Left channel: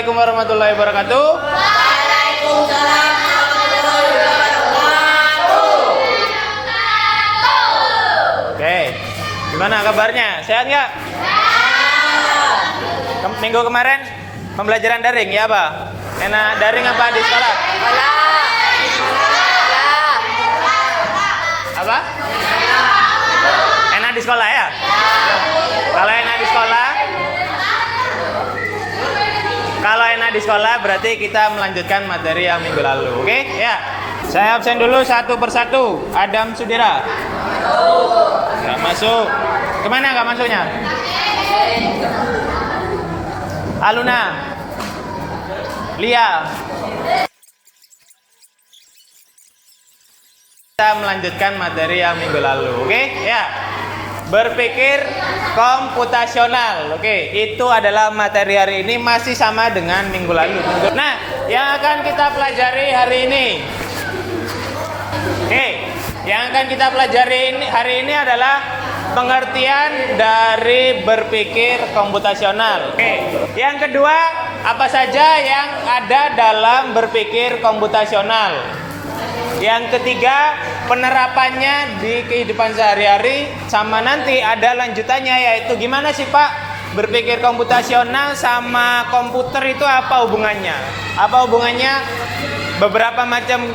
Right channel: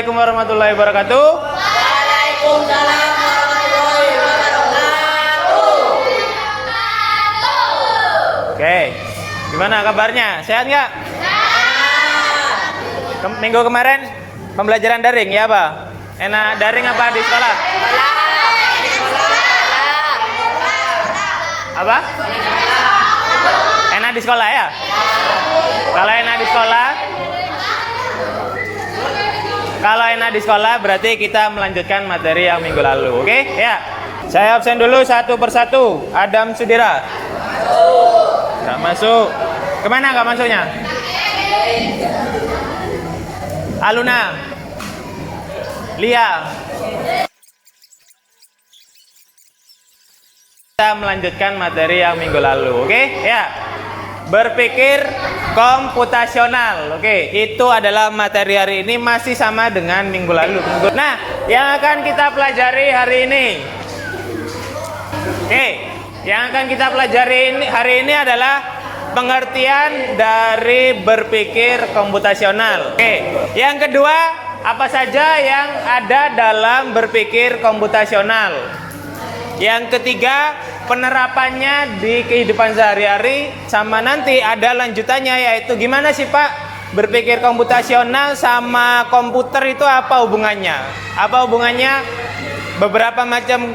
Assalamualaikum warahmatullahi wabarakatuh. Waalaikumsalam warahmatullahi wabarakatuh. Oke, gimana kabarnya? Sehat nggak? Minggu kemarin pembelajaran daring ya apa? Enak daring apa di sekolah? Apa? Enak di sekolah ya? Kalau enak di sekolah, di sekolah berarti kita melanjutkan materi yang minggu lalu. Oke? Ya. Saya absen dulu satu persatu. Adam Sudira. Gak masuk. Kemana gak masuknya? Aluna. Lia. Kita melanjutkan materi yang minggu lalu. Oke? Ya. Berpikir komputasional. Oke, itu adalah materi hari ini, masih sama dengan minggu lalu. Nah, yang akan kita pelajari hari ini. Oke, yang akan kita pelajari hari ini adalah pengertian dari berpikir komputasional. Oke, yang kedua, apa saja yang ada dalam berpikir komputasional. Yang ketiga, penerapannya di kehidupan sehari-hari, sama nanti ada lanjutannya, yaitu gimana sih Pak berpikir komputasional sama komputer itu apa hubungannya? Apa hubungannya? Beberapa macam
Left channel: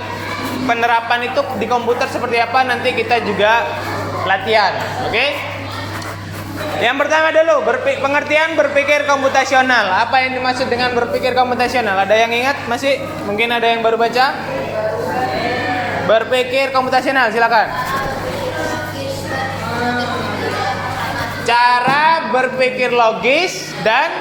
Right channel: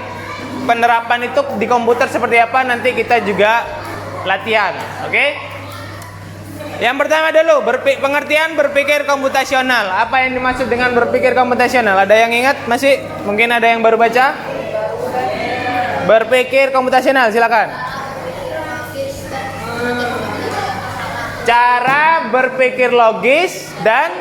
penerapan itu di komputer seperti apa, nanti kita juga latihan. Oke? Yang pertama dulu, pengertian berpikir komputasional. Apa yang dimaksud dengan berpikir komputasional? Ada yang ingat? Masih? Mungkin ada yang baru baca? Berpikir komputasional, silakan. Cara berpikir logis dan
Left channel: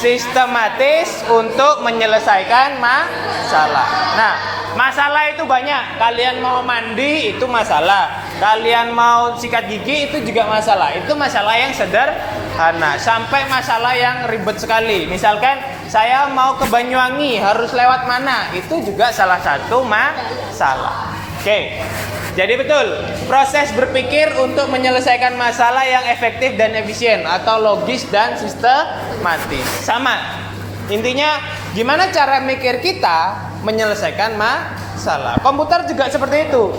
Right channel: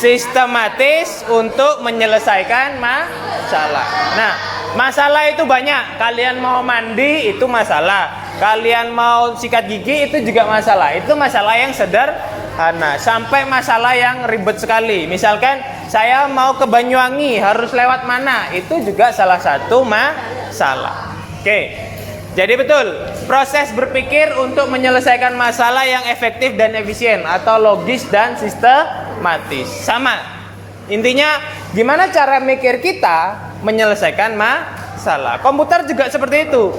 sistematis untuk menyelesaikan masalah. Nah, masalah itu banyak. Kalian mau mandi itu masalah. Kalian mau sikat gigi itu juga masalah. Itu masalah yang sederhana sampai masalah yang ribet sekali. Misalkan saya mau ke Banyuwangi, harus lewat mana? Itu juga salah satu masalah. Oke, jadi betul, proses berpikir untuk menyelesaikan masalah yang efektif dan efisien atau logis dan sistematis. Sama, intinya gimana cara mikir kita menyelesaikan masalah. Komputer juga seperti itu.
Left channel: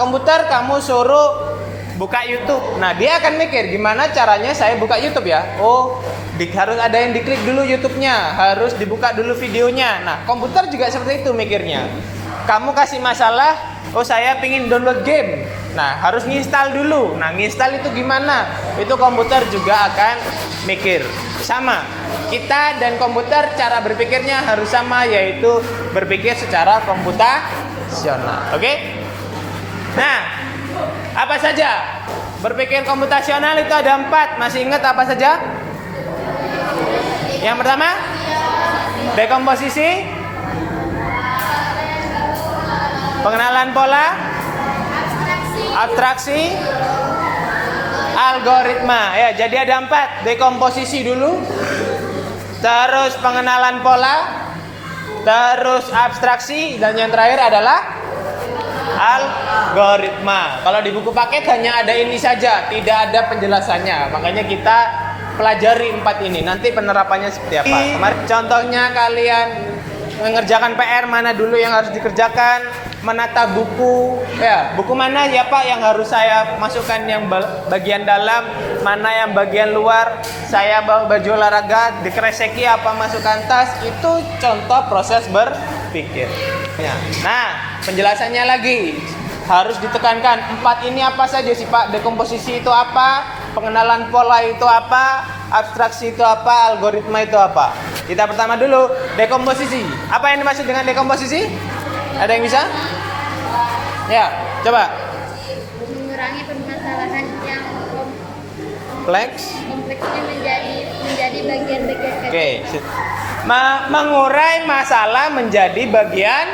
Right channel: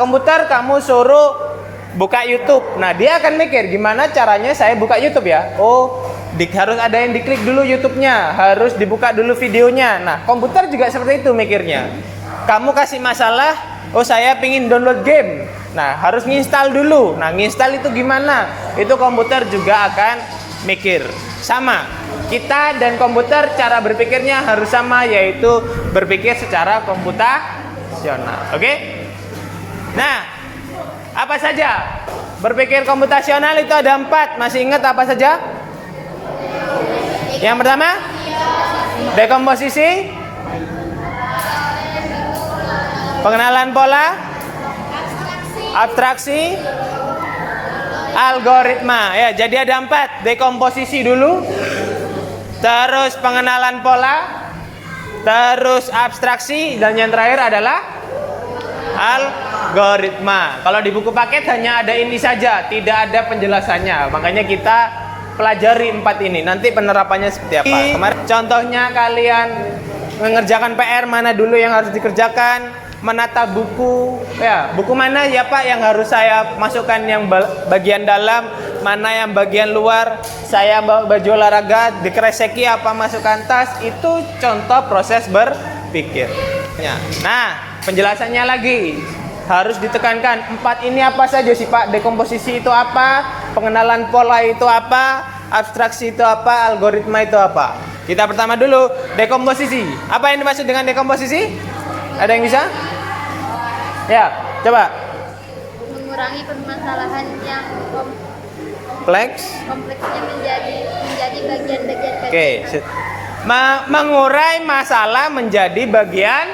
Komputer kamu suruh buka YouTube, nah dia akan mikir gimana caranya saya buka YouTube ya. Oh, harus ada yang diklik dulu YouTube-nya, harus dibuka dulu videonya. Nah, komputer juga seperti itu mikirnya. Kamu kasih masalah, oh saya pingin download game. Nah, harus nginstal dulu. Nah, nginstal itu gimana? Itu komputer juga akan mikir. Sama, kita dan komputer cara berpikirnya harus sama, yaitu berpikir secara komputasional. Oke? Nah, apa saja? Berpikir komputasional itu ada 4. Masih ingat apa saja? Yang pertama, dekomposisi, pengenalan pola, abstraksi, algoritma. Ya, jadi ada 4. Dekomposisi dulu, terus pengenalan pola, terus abstraksi, dan yang terakhir adalah algoritma. Kalau di buku paket hanya ada ini saja, tidak ada penjelasannya. Makanya kita pelajari 4 ini. Nanti penerapannya seperti apa? Contohnya kalian mengerjakan PR, mana dulu yang harus dikerjakan? Menata buku, ya buku mana ya Pak yang harus saya masukkan yang bagian dalam, mana yang bagian luar, saya bawa baju olahraga dikreseki apa masukkan tas. Itu contoh proses berpikir ya. Nah, penjelasannya lagi harus ditekankan 4 ini apa saja sih Pak? Dekomposisi itu apa, pengenalan pola itu apa, abstraksi itu apa, algoritma itu apa. Kita pertama dulu dekomposisi. Apa yang dimaksud dengan dekomposisi? Ada yang bisa? Ya, coba. Mengurangi permasalahan yang kompleksnya menjadi bagian-bagian kecil. Oke. Mengurai masalah menjadi bagian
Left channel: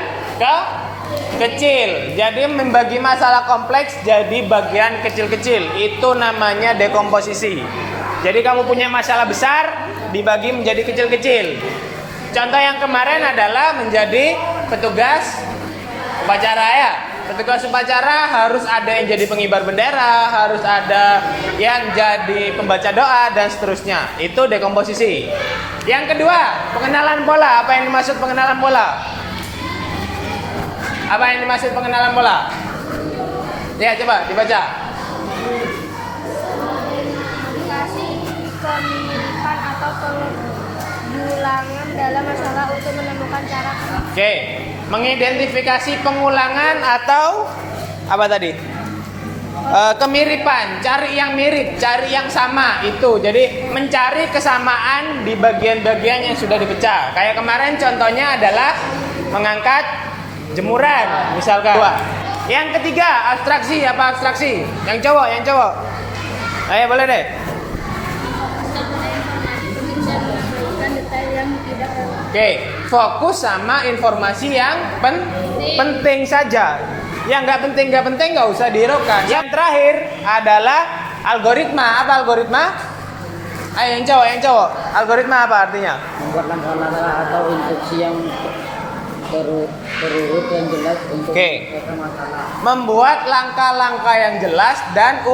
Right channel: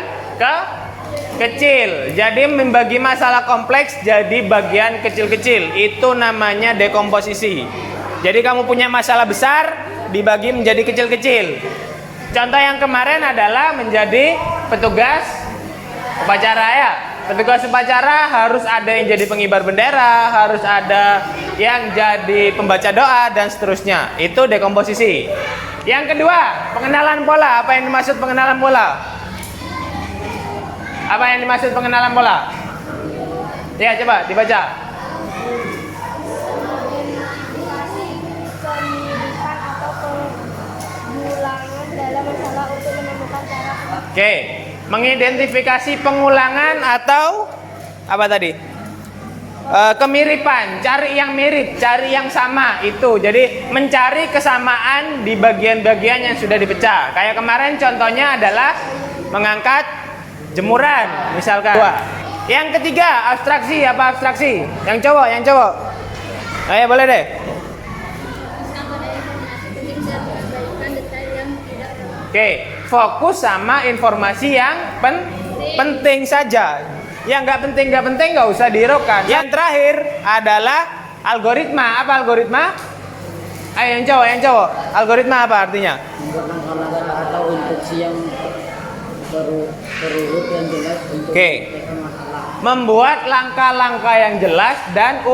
kecil. Jadi membagi masalah kompleks jadi bagian kecil-kecil. Itu namanya dekomposisi. Jadi kamu punya masalah besar dibagi menjadi kecil-kecil. Contoh yang kemarin adalah menjadi petugas upacara ya. Ketika kelas upacara harus ada yang jadi pengibar bendera, harus ada yang jadi pembaca doa dan seterusnya. Itu dekomposisi. Yang kedua, pengenalan pola. Apa yang dimaksud pengenalan pola? Apa yang dimaksud pengenalan pola? Ya, coba dibaca. Identifikasi kemiripan atau pengulangan dalam masalah untuk menemukan cara. Oke, mengidentifikasi pengulangan atau apa tadi? Kemiripan, cari yang mirip, cari yang sama itu. Jadi mencari kesamaan di bagian-bagian yang sudah dipecah. Kayak kemarin contohnya adalah mengangkat jemuran, misalkan. Yang ketiga, abstraksi. Apa abstraksi? Yang cowok. Ayo boleh deh. Oke, fokus sama informasi yang penting saja. Yang nggak penting nggak usah dihiraukan. Yang terakhir adalah algoritma. Apa algoritma? Ayo yang cowok. Algoritma apa artinya? Membuat langkah-langkah atau instruksi yang terurut yang jelas untuk menyelesaikan masalah. Membuat langkah-langkah yang jelas dan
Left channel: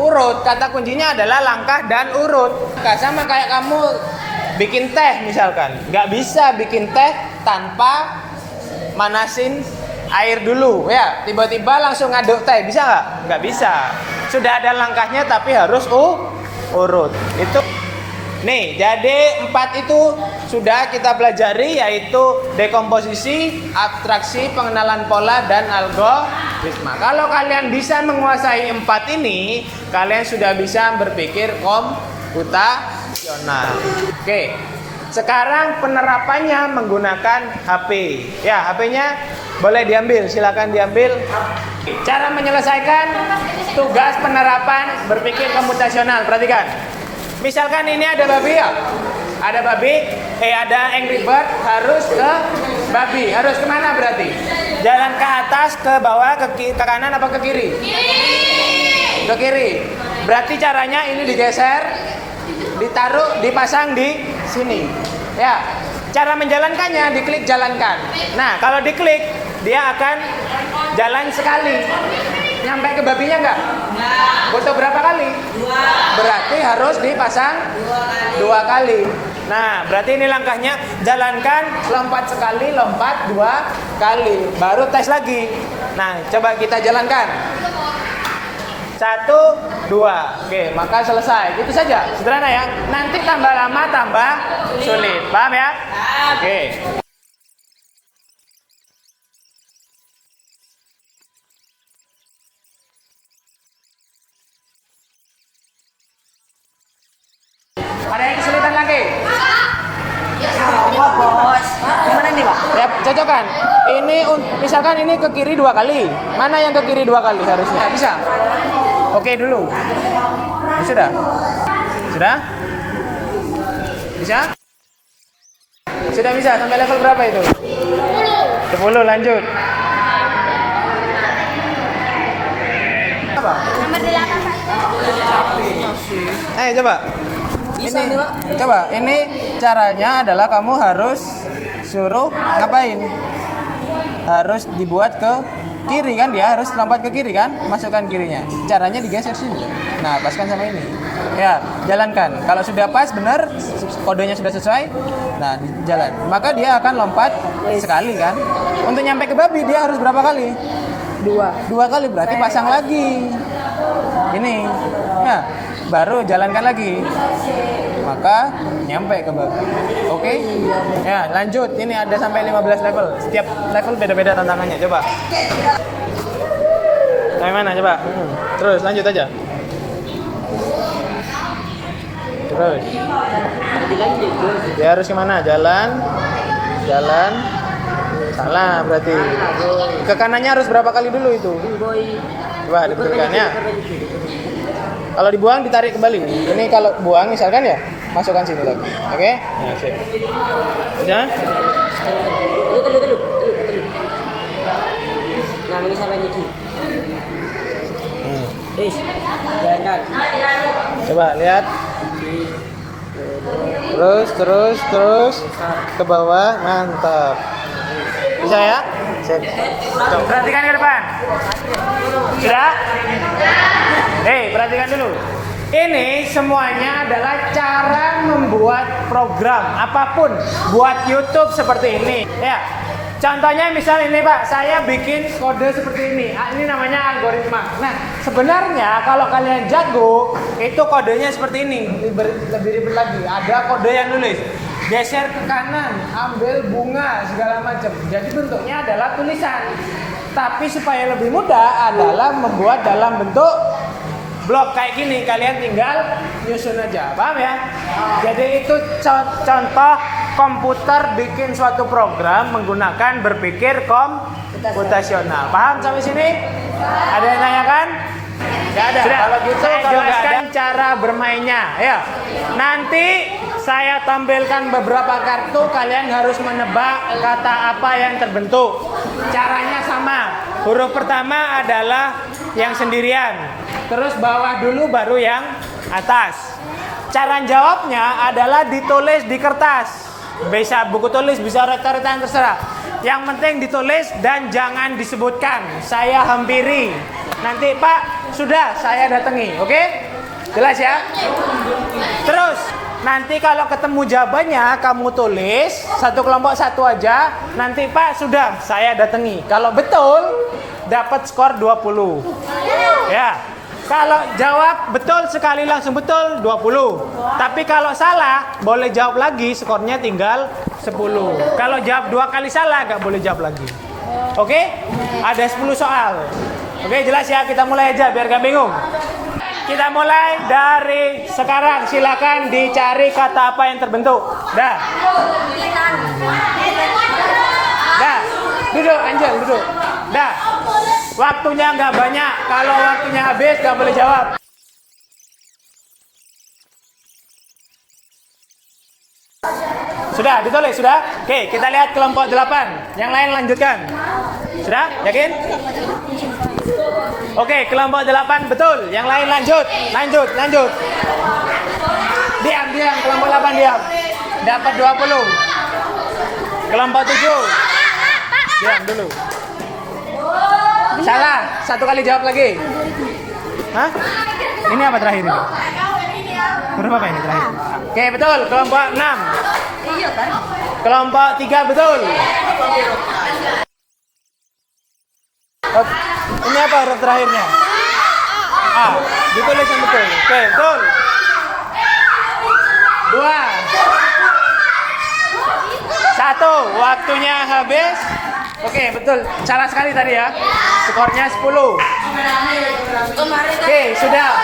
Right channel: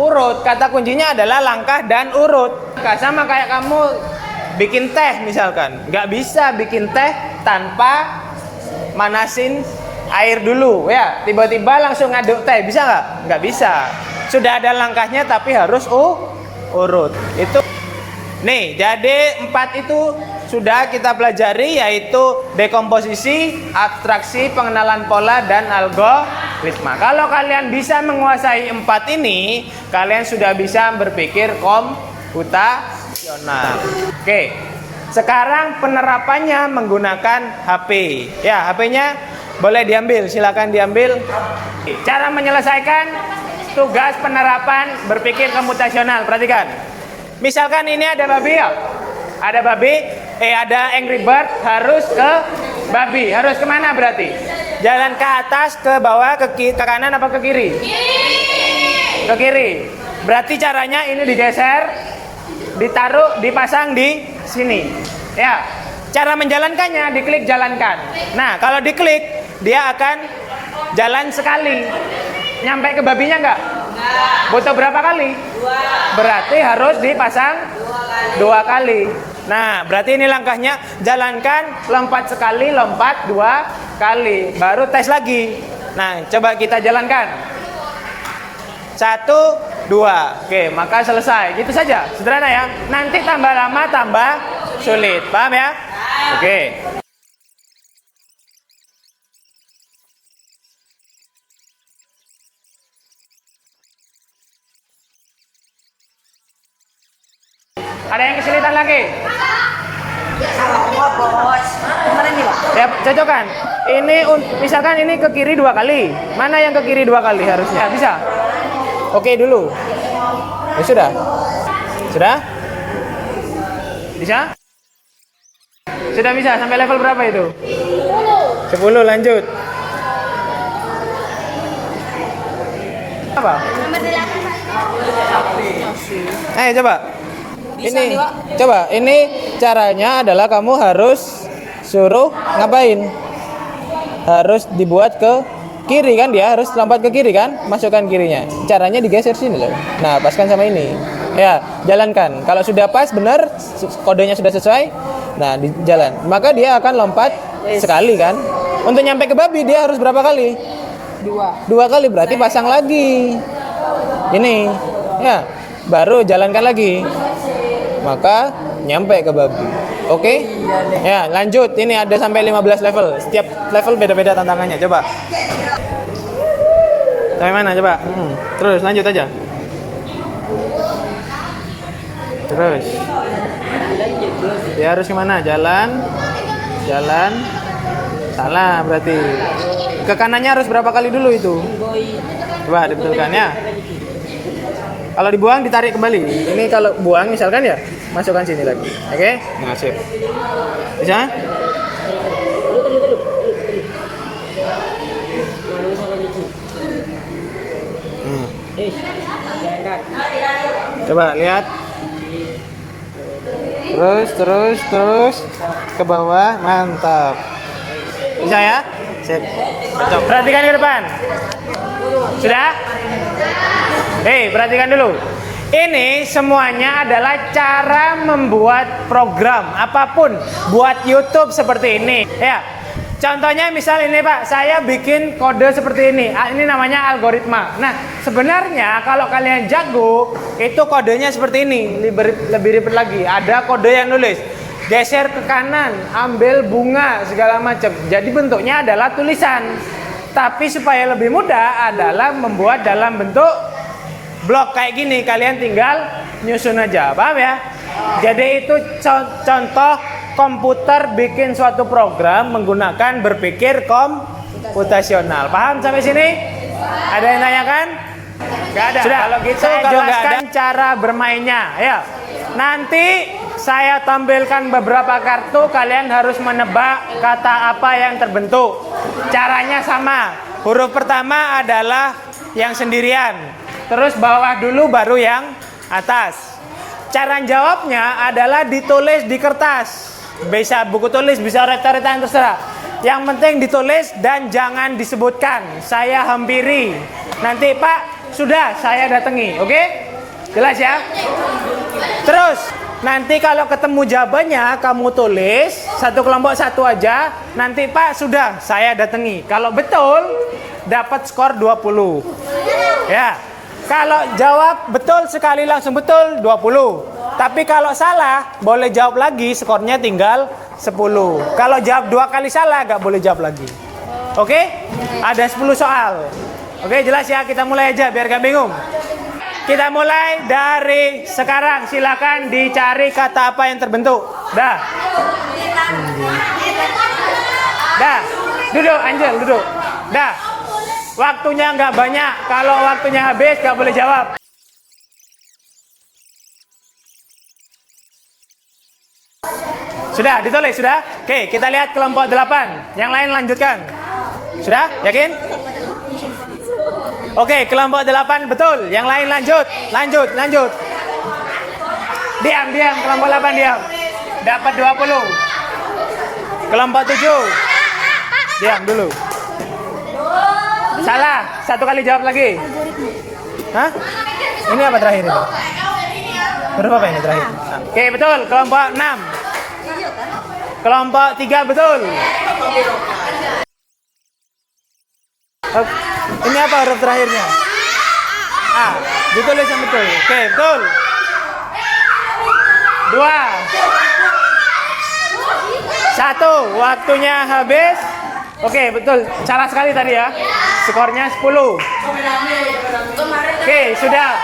urut. Kata kuncinya adalah langkah dan urut. Sama kayak kamu bikin teh misalkan. Nggak bisa bikin teh tanpa manasin air dulu ya. Tiba-tiba langsung ngaduk teh. Bisa nggak? Nggak bisa. Sudah ada langkahnya tapi harus urut. Itu. Nih, jadi 4 itu sudah kita pelajari, yaitu dekomposisi, abstraksi, pengenalan pola, dan algoritma. Kalau kalian bisa menguasai 4 ini, kalian sudah bisa berpikir komputasional. Oke, sekarang penerapannya menggunakan HP. Ya, HP-nya boleh diambil, silakan diambil. Cara menyelesaikan tugas penerapan berpikir komputasional, perhatikan. Misalkan ini ada babi ya, ada Angry Bird, harus ke babi, harus kemana berarti? Jalan ke atas, ke bawah, ke kanan apa ke kiri? Ke kiri. Berarti caranya ini digeser, ditaruh, dipasang di sini. Ya, cara menjalankannya diklik jalankan. Nah, kalau diklik dia akan jalan sekali. Nyampe ke babinya enggak? Butuh berapa kali? 2. Berarti harus dipasang 2 kali. Nah, berarti ini langkahnya jalankan, lompat sekali, lompat 2 kali, baru tes lagi. Nah, coba kita jalankan. 1, 2. Oke, maka selesai. Gitu saja, sederhana ya. Nanti tambah lama tambah sulit. Paham ya? Oke. Ada yang kesulitan lagi? Enggak, Bos. Gimana nih, Pak? Ya, cocokkan. Ini misalkan ini ke kiri 2 kali. Mana yang ke kiri 2 kali harusnya? Bisa? Oke dulu. Ya, sudah? Sudah? Bisa? Sudah bisa. Sampai level berapa itu? 10, lanjut. Apa? Nomor 8 Ayo coba. Ini caranya adalah kamu harus suruh ngapain? Harus dibuat ke kiri kan, dia harus lompat ke kiri kan, masukkan kirinya. Caranya digeser sini loh. Nah, paskan sama ini. Ya, jalankan. Kalau sudah pas benar, kodenya sudah sesuai, nah di jalan. Maka dia akan lompat sekali kan. Untuk nyampe ke babi dia harus berapa kali? 2 kali, berarti pasang lagi. Ini. Ya, baru jalankan lagi. Maka nyampe ke babi. Oke? Ya, lanjut. Ini ada sampai 15 level. Setiap level beda-beda tantangannya. Coba. Sampai mana coba? Terus lanjut aja. Terus. Dia harus kemana? Jalan. Salah berarti. Ke kanannya harus berapa kali dulu itu? Coba diberikan ya. Kalau dibuang ditarik kembali. Ini kalau buang misalkan ya, masukkan sini lagi. Oke? Nah, sip. Bisa? Telu. Nah, ini sampai gigi. Jalan. Coba lihat. Terus ke bawah, mantap. Bisa ya? Sip. Perhatikan ke depan. Sudah? Hei, perhatikan dulu. Ini semuanya adalah cara membuat program apapun buat YouTube seperti ini. Ya, contohnya misal ini Pak, saya bikin kode seperti ini. Ini namanya algoritma. Nah, sebenarnya kalau kalian jago, itu kodenya seperti ini. Lebih ribet lagi. Ada kode yang nulis geser ke kanan, ambil bunga segala macam. Jadi bentuknya adalah tulisan. Tapi supaya lebih mudah adalah membuat dalam bentuk blok kayak gini, kalian tinggal nyusun aja, paham ya? Jadi itu contoh komputer bikin suatu program menggunakan berpikir komputasional. Paham sampai sini? Ada yang tanyakan? Gak ada. Sudah. Kalau gitu saya jelaskan cara bermainnya. Ya. Nanti saya tampilkan beberapa kartu, kalian harus menebak kata apa yang terbentuk. Caranya sama. Huruf pertama adalah yang sendirian. Terus bawah dulu baru yang atas. Cara jawabnya adalah ditulis di kertas. Bisa buku tulis, bisa coret-coretan terserah. Yang penting ditulis dan jangan disebutkan. Saya hampiri. Nanti Pak, sudah saya datangi, oke? Jelas ya? Terus nanti kalau ketemu jawabannya kamu tulis satu kelompok satu aja. Nanti Pak, sudah saya datangi. Kalau betul dapat skor 20. Ya. Kalau jawab betul sekali langsung betul 20. Tapi kalau salah boleh jawab lagi, skornya tinggal 10. Kalau jawab 2 kali salah nggak boleh jawab lagi. Oke? Ada 10 soal. Oke, jelas ya, kita mulai aja biar gak bingung. Kita mulai dari sekarang. Silakan dicari kata apa yang terbentuk. Dah. Dah. Duduk, Angel, duduk. Dah. Waktunya nggak banyak. Kalau waktunya habis nggak boleh jawab. Sudah ditulis, sudah? Oke, kita lihat kelompok 8. Yang lain lanjutkan. Sudah? Yakin? Oke, kelompok 8 betul. Yang lain lanjut. Lanjut. Diam. Kelompok 8 diam. Dapat 20. Kelompok 7. Diam dulu. Salah. 1 kali jawab lagi. Hah? Ini apa terakhir ini? Berapa ini terakhir? Oke, betul. Kelompok 6. Kelompok 3 betul. Ini apa huruf terakhirnya? A. Ditulis yang betul. Oke, betul. 2. 1. Waktunya habis. Oke, betul. Salah sekali tadi ya. Skornya 10. Oke, sudah.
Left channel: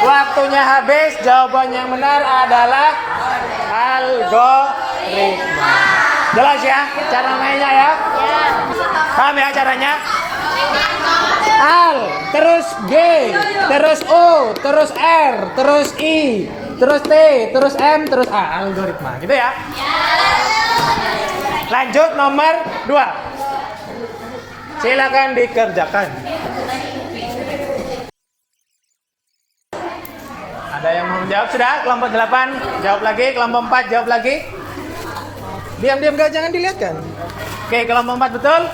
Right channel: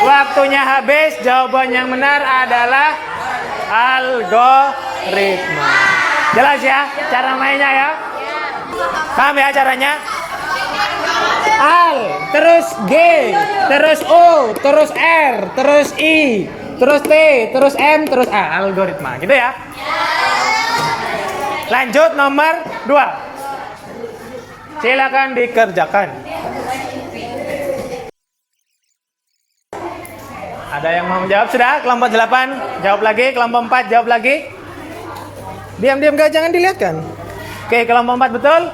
Waktunya habis. Jawaban yang benar adalah algoritma. Jelas ya cara mainnya ya? Paham ya caranya? Al, terus G, terus O, terus R, terus I, terus T, terus M, terus A. Algoritma, gitu ya? Lanjut nomor 2. Silakan dikerjakan. Ada yang mau menjawab? Sudah? Kelompok 8 jawab lagi, kelompok 4 jawab lagi. Diam gak, jangan dilihatkan. Oke, kelompok 4 betul.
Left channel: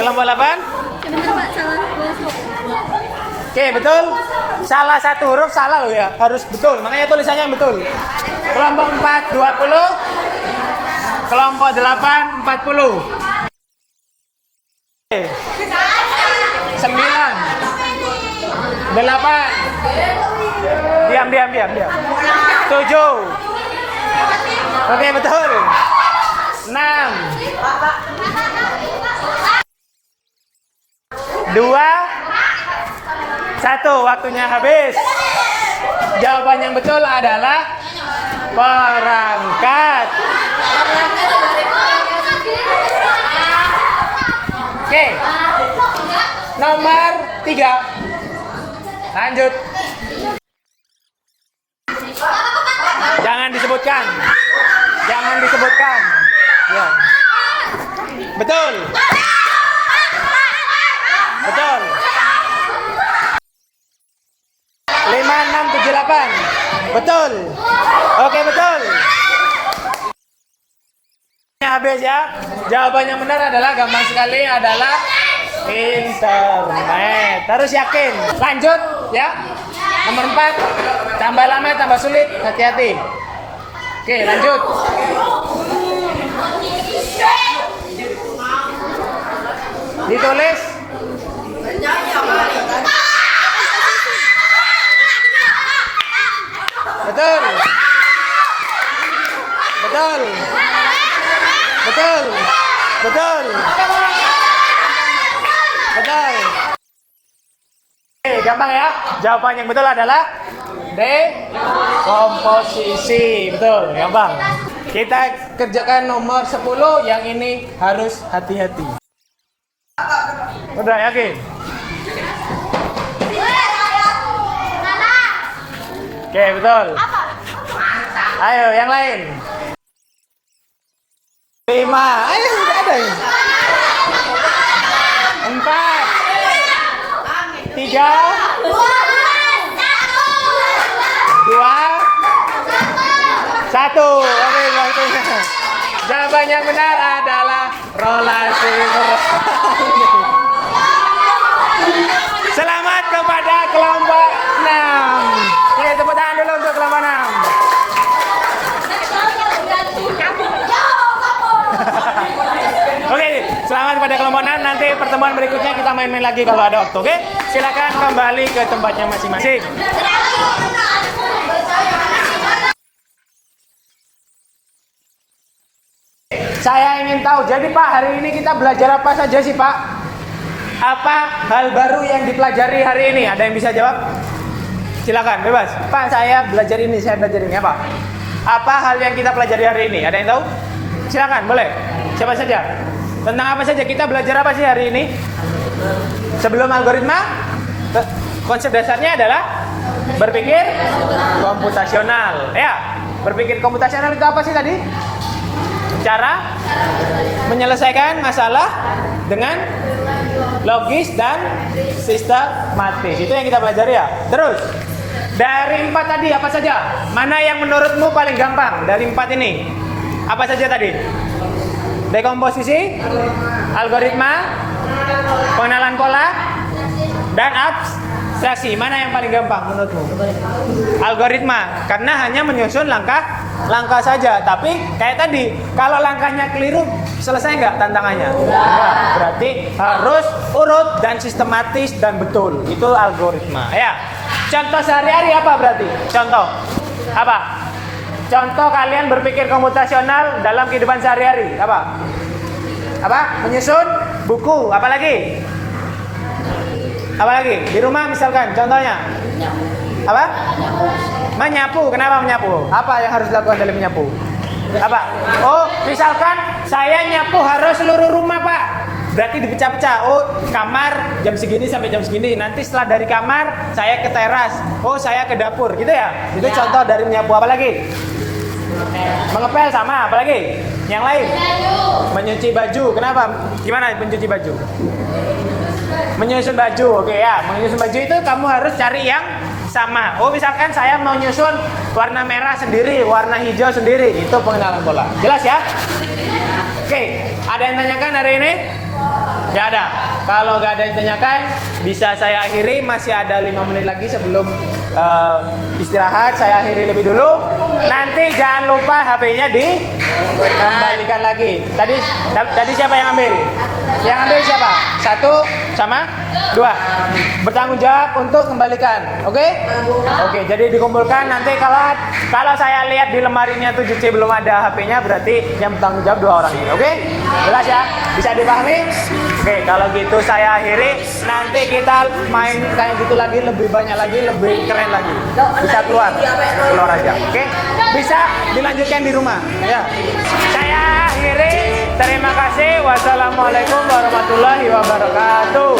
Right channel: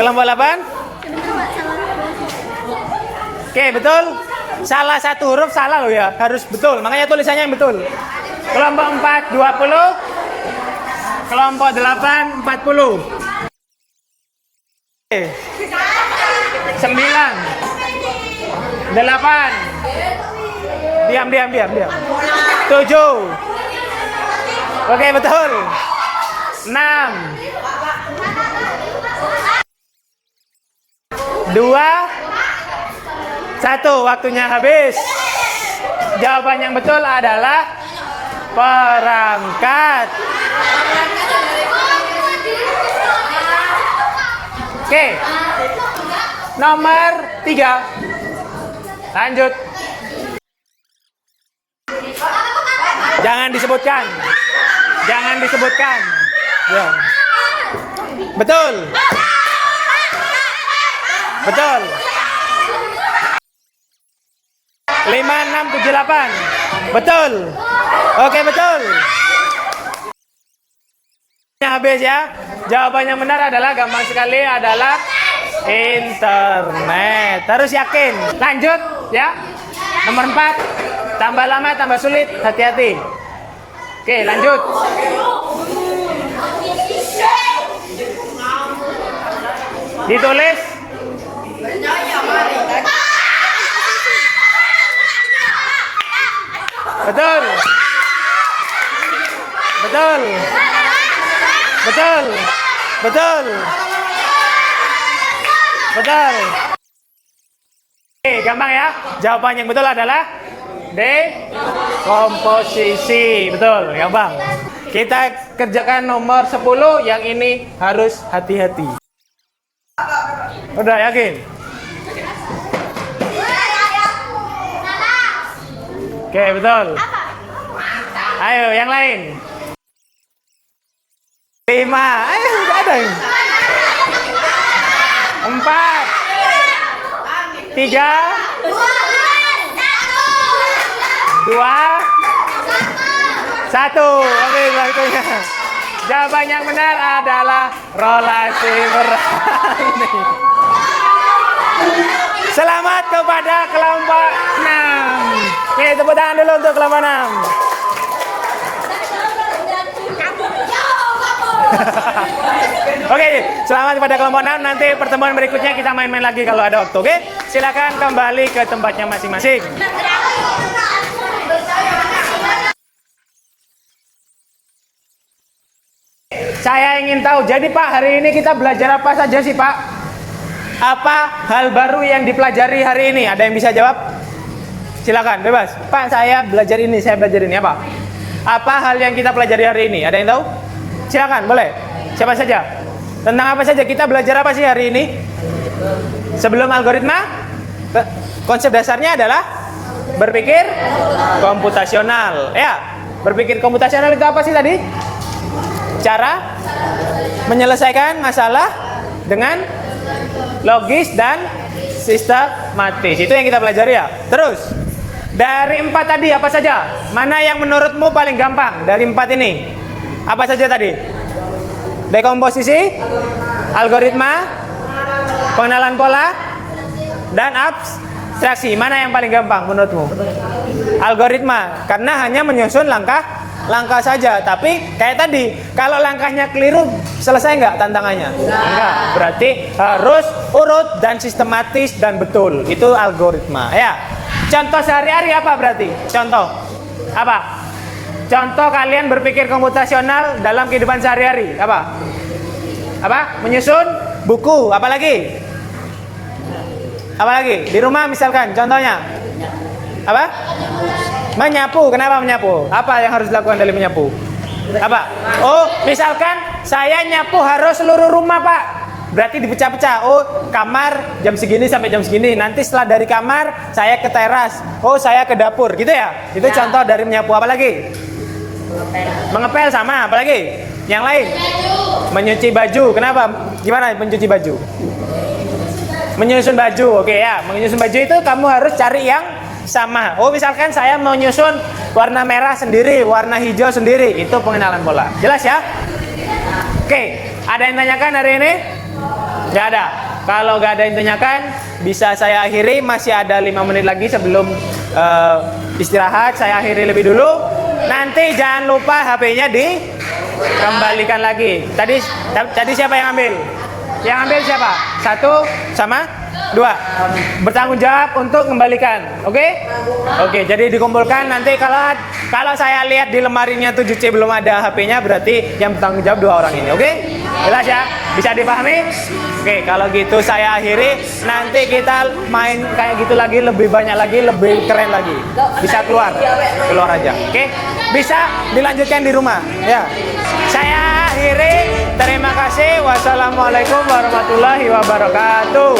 Kelompok 8? Sebentar Pak, salah. Oke, betul. Salah satu huruf salah loh ya. Harus betul. Makanya tulisannya yang betul. Kelompok 4 20. Kelompok 8 40. Oke. 9 8. Diam. 7. Oke, betul. 6. 2. 1. Waktunya habis. Jawaban yang betul adalah perangkat. Oke. Nomor 3. Lanjut. Jangan disebutkan. Ya. Betul. 5 6 7 8. Betul. Oke, betul. Habis ya. Jawabannya benar adalah gampang sekali adalah internet. Terus yakin. Lanjut ya. Nomor 4. Tambah lama tambah sulit. Hati-hati. Oke, lanjut. Ditulis. Betul. Betul. Betul. Betul. Betul. Oke, gampang ya. Jawaban yang betul adalah dekomposisi. Betul, gampang. Kita kerjakan nomor 10, yang ini harus hati-hati. Udah yakin? Oke, betul. Ayo, yang lain. 5. Ayo, udah ada. 4. 3. 2. 1. Oke, waktunya. Jawaban yang benar adalah rolasi berani. Selamat kepada kelompok 6. Oke, tepuk tangan dulu untuk kelompok 6. Oke, selamat kepada kelompok 6. Nanti pertemuan berikutnya kita main-main lagi kalau ada waktu. Oke, silakan kembali ke tempatnya masing-masing. Saya ingin tahu, jadi Pak, hari ini kita belajar apa saja sih Pak? Apa hal baru yang dipelajari hari ini? Ada yang bisa jawab? Silakan, bebas. Pak, saya belajar ini apa? Apa hal yang kita pelajari hari ini? Ada yang tahu? Silakan, boleh. Siapa saja? Tentang apa saja? Kita belajar apa sih hari ini? Sebelum algoritma, konsep dasarnya adalah berpikir komputasional. Ya, berpikir komputasional itu apa sih tadi? Cara menyelesaikan masalah dengan logis dan sistematis. Itu yang kita pelajari ya. Terus, dari 4 tadi apa saja? Mana yang menurutmu paling gampang dari 4 ini? Apa saja tadi? Dekomposisi, algoritma, pengenalan pola, dan abstraksi. Mana yang paling gampang menurutmu? Algoritma, karena hanya menyusun langkah saja. Tapi kayak tadi, kalau langkahnya keliru, selesai nggak tantangannya? Nggak. Berarti harus urut dan sistematis dan betul. Itu algoritma. Ya. Contoh sehari-hari apa berarti? Contoh apa? Contoh kalian berpikir komputasional dalam kehidupan sehari-hari apa? Apa? Menyusun buku. Apa lagi? Apa lagi? Di rumah misalkan. Contohnya apa? Menyapu. Kenapa menyapu? Apa yang harus dilakukan dalam menyapu? Apa? Oh, misalkan saya nyapu harus seluruh rumah Pak. Berarti dipecah-pecah. Oh, kamar jam segini sampai jam segini. Nanti setelah dari kamar saya ke teras. Oh, saya ke dapur. Gitu ya? Itu contoh dari menyapu. Apa lagi? Mengepel sama. Apa lagi? Yang lain? Menyuci baju. Kenapa? Gimana mencuci baju? Menyusun baju. Oke ya. Menyusun baju itu kamu harus cari yang sama. Oh, misalkan saya mau nyusun warna merah sendiri, warna hijau sendiri. Itu pengenalan pola. Jelas ya? Oke. Ada yang tanyakan hari ini? Nggak ada. Kalau nggak ada yang tanyakan, bisa saya akhiri. Masih ada 5 menit lagi sebelum istirahat. Saya akhiri lebih dulu. Nanti jangan lupa HP-nya dikembalikan lagi. Tadi siapa yang ambil? Yang ambil siapa? 1 sama 2. Bertanggung jawab untuk kembalikan. Oke? Oke, jadi dikumpulkan. Nanti kalau saya lihat di lemarinya 7C belum ada HP-nya, berarti yang bertanggung jawab 2 orang ini. Oke? Jelas ya? Bisa dipahami? Oke, kalau gitu saya akhiri. Nanti kita main kayak gitu lagi, lebih banyak lagi, lebih keren lagi. Bisa keluar aja. Oke? Bisa dilanjutkan di rumah. Ya. Saya akhiri. Terima kasih. Wassalamualaikum warahmatullahi wabarakatuh.